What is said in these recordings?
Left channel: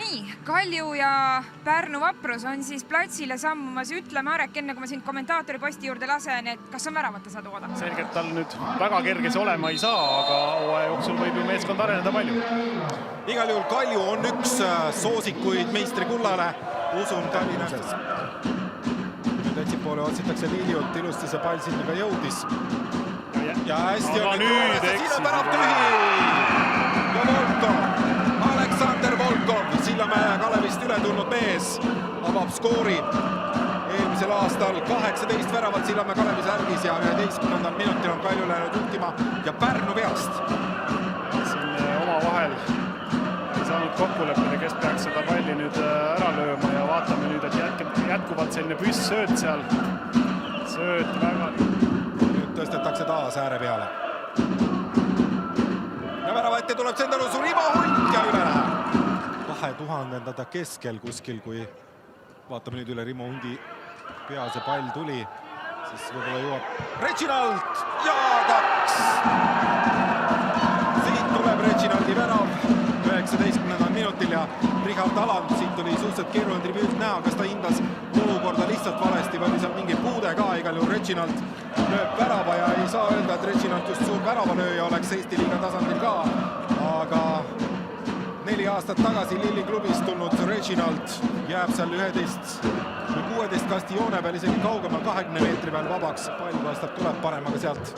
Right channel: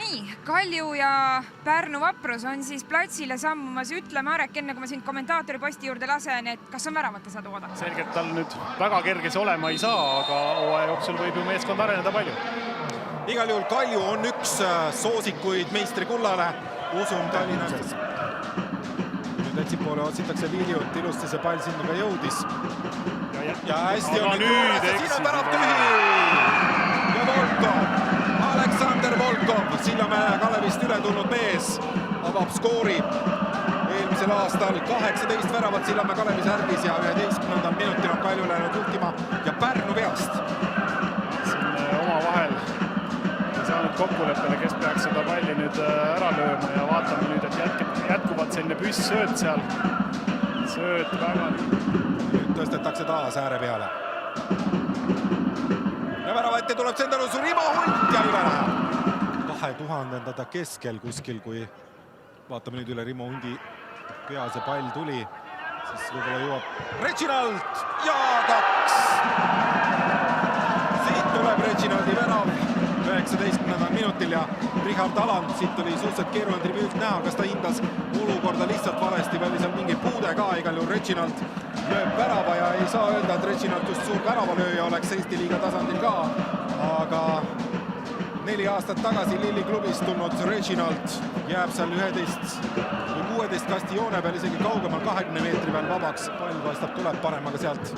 nii, Kalju ja Pärnu Vaprus on siis platsile sammumas. Ütle, Marek, enne kui ma sind kommentaatori posti juurde lasen, et kas on väravate saadu oodata? Selgelt tal nüüd väga kerges olema ei saa, aga hooaja jooksul võib ju meeskond areneda palju. Igal juhul Kalju on üks soosikuid meistrikullale. Usun Tallinnas. Nüüd etsipoole otsitakse Liiliut, ilusti see pall sinna ka jõudis. Ja hästi on nüüd siin on värav tühi. Ja Volkov, Aleksander Volkov, Sillamäe Kalevist üle tulnud mees, avab skoori. Eelmisel aastal 18 väravat Sillamäe Kalevi särgis ja 11. minutil on Kalju läinud juhtima ja Pärnu veast. Siin oma vahel ei saanud kokkuleppele, kes peaks seda palli nüüd ära lööma ja vaatame nüüd, et jätkuvalt selline püss-sööt seal. Sööt väga nüüd tõstetakse taas ääre peale. Ja värava ette tuleb Sendelus Rimo Hunt ja üle läheb. 2000-ndada keskel kuskil, kui vaatame nüüd üle Rimo Hundi pea see pall tuli, siis võib-olla jõuab Reginald ja 2. Siit tuleb Reginaldi värav 19. minutil ja Richard Aland, siit oli suhteliselt keeruline tribüült näha, kas ta hindas olukorda lihtsalt valesti või oli seal mingi puude ka, igal juhul Reginald lööb värava ja ei saa öelda, et Reginald just suur väravalööja oleks Eesti liiga tasandil ka, aga 4 aastat tagasi Lilli klubist tulnud Reginald jääb seal 11 või 16 kasti joone peal, isegi kaugemal 20 meetri peal vabaks. Pall paistab tuleb parem, aga sealt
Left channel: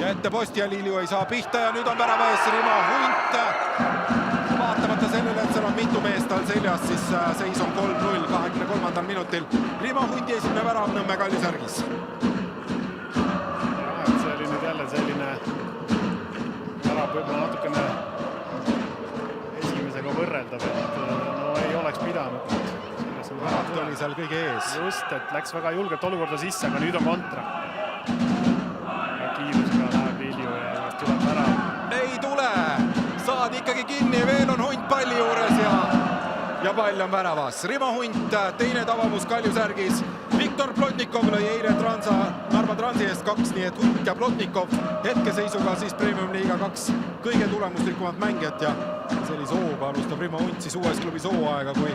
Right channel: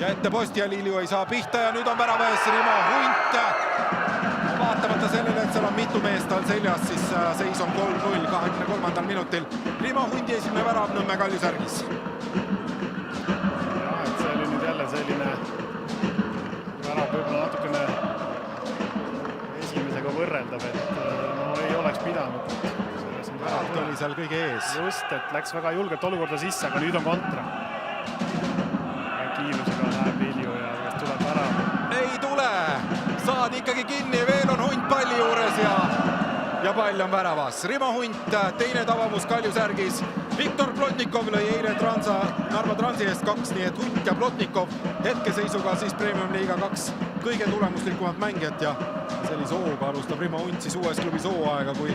ja ette posti ja Lilju ei saa pihta ja nüüd on värava ees Rimo Hunt. Vaatamata sellele, et seal on mitu meest tal seljas, siis seis on 3-0 23. minutil. Rimo Hundi esimene värav Nõmme Kalju särgis. Jah, et see oli nüüd jälle selline värav võib-olla natukene esimesega võrreldav, et no ei oleks pidanud. Värat oli seal kõige ees. Just, et läks väga julgelt olukorda sisse, aga nüüd on kontra. Ja kiirusega läheb Lilju ja kas tuleb värav. Ei tule! Saad ikkagi kinni, veel on Hunt palli juures ja pall on väravas. Rimo Hunt, teine tavamus Kalju särgis. Viktor Plotnikov lõi eile Narva Transi eest 2, nii et Hunt ja Plotnikov hetkeseisuga siis Premium Liiga 2 kõige tulemuslikumat mängijat ja sellise hooga alustab Rimo Hunt siis uues klubis hooaega, kui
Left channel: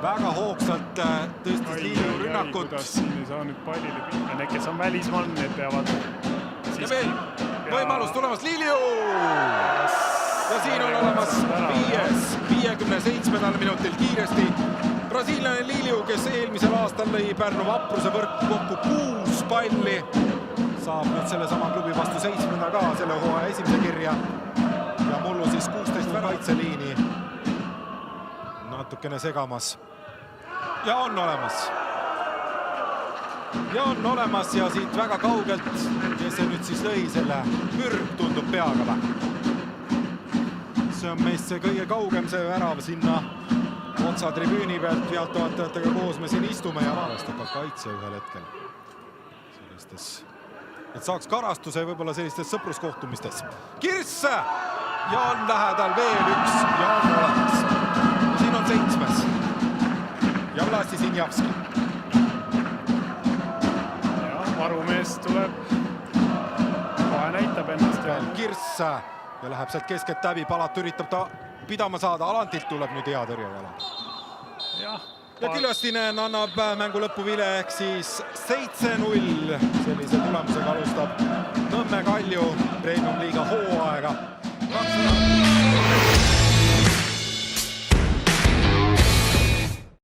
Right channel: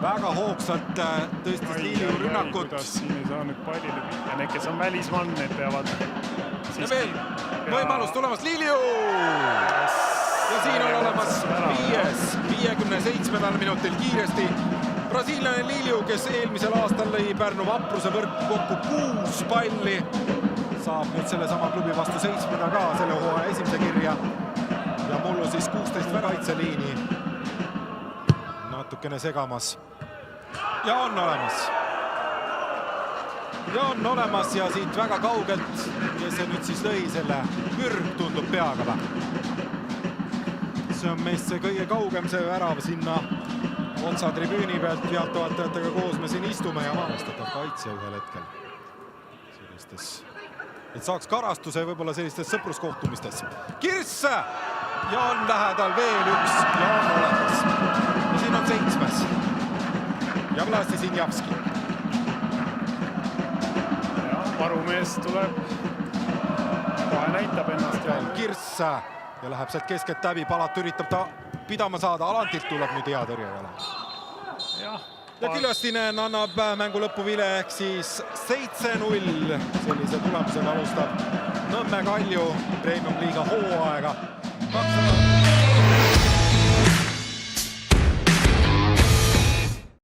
väga hoogsalt tõstis Lilju rünnakut. Siin ei saa nüüd pallile pihta, need, kes on välismann, need peavad ja veel võimalus tulemas Lilju! Ja siin on olemas 57. minutil kiiresti brasiillane Lilju, kes eelmisel aastal lõi Pärnu Vapruse võrku kokku 6 palli. Saab nüüd selle sama klubi vastu 7. ka selle hooaja esimese kirja. Ja mullu siis 16 kaitseliini. Natukene segamas. Ja on olemas. Ja siit väga kaugelt, kes see nüüd siis lõi selle pürg tundub peaga või? See on meist see kõige kaugem see värav sinna otsa tribüüni pealt, pealtvaatajatega koos me siin istume ja arvestatav kaitse ühel hetkel sellistes, et saaks karastuse võib-olla sellistes sõpruskohtumistes. Kirss ja on lähedal veel üks ja on olemas. Ja siin on 7. Ja Vlasi Sinjavski. Ja varumees tuleb, kohe näitab ennast. Ja Kirss ja läheb sealt keskelt läbi, Palat üritab ta pidama saada, Alantilt tuleb nüüd hea tõrjejala. Ja Küllastinen annab mängu lõppu vile ehk siis 7-0. Sellise tulemusega alustab Nõmme Kalju Premium Liiga hooaega. 2